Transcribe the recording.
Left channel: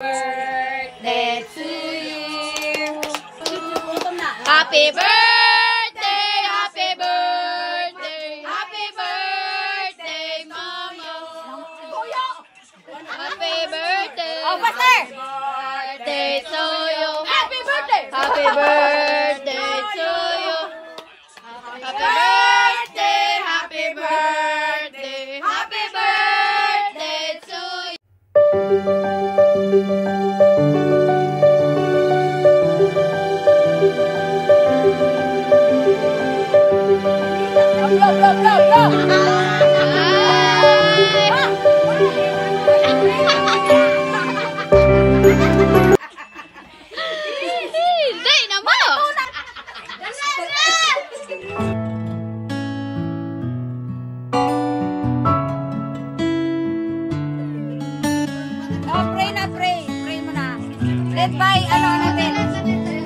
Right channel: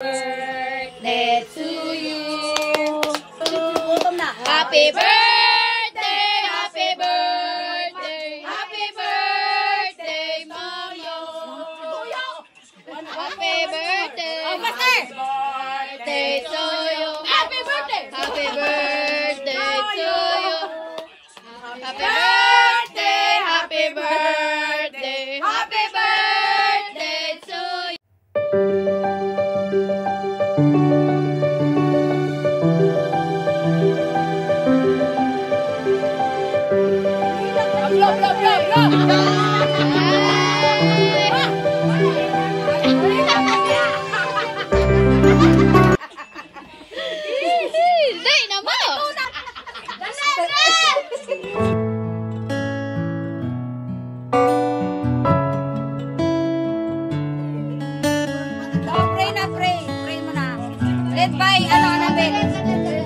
birthday to you. Happy birthday, happy birthday, happy birthday, Mama. Happy birthday. Oh, Pastor. Birthday to you. Happy birthday. Happy birthday to you. Happy birthday, happy birthday, happy birthday to you. Hindi naman. Pray na, pray. Pray mo na. Led by, Annabelle.